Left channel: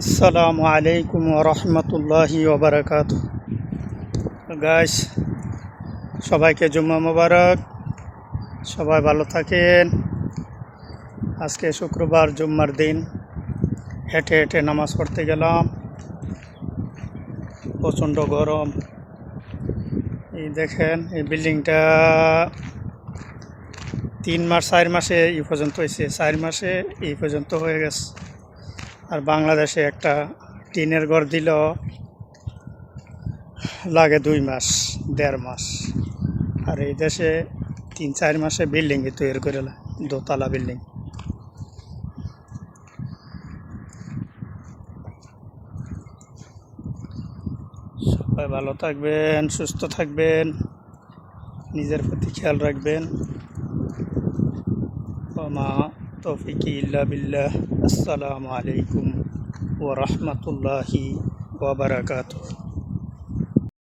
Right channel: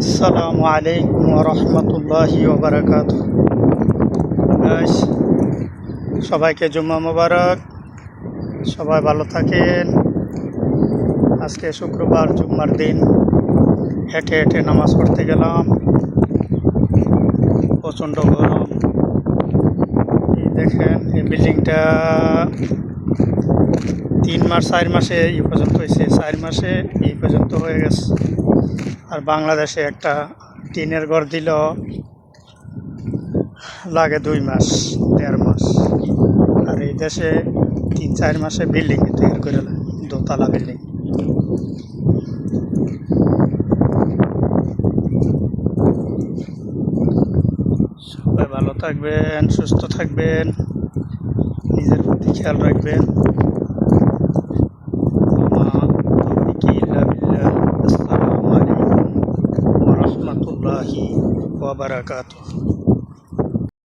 আসসালামু আলাইকুম রহমতুল্লাহি ওবরাকাত। গাইস, সবাইকে জুম্মা মোবারক। সবাই ভালো থাকেন। আজকে শুক্রবার, জুম্মার দিন। হেঁটে হেঁটে নামাজ পড়তে গেলাম। প্রচণ্ড গরম। এই দেখেন, এই বিল্ডিংটা 4 মাসে এই পর্যন্ত হয়েছে। 4 মাসে এই পর্যন্ত হয়ে গেছে। আর বাংলাদেশে একটা টিনের ঘর দিল লাগে 2 মাস, 1.5 মাস। আর এই দেশে 3-4 মাসে বিল্ডিং তৈরি করে, দোতলা বিল্ডিং। সবাই ভালো থাকবেন, সুস্থ থাকবেন, নিজের প্রতি খেয়াল রাখবেন। তৌফিকি ইল্লা বিল্লাহ। আসসালামু আলাইকুম ওয়া রাহমাতুল্লাহি ওয়া বারাকাতুহু।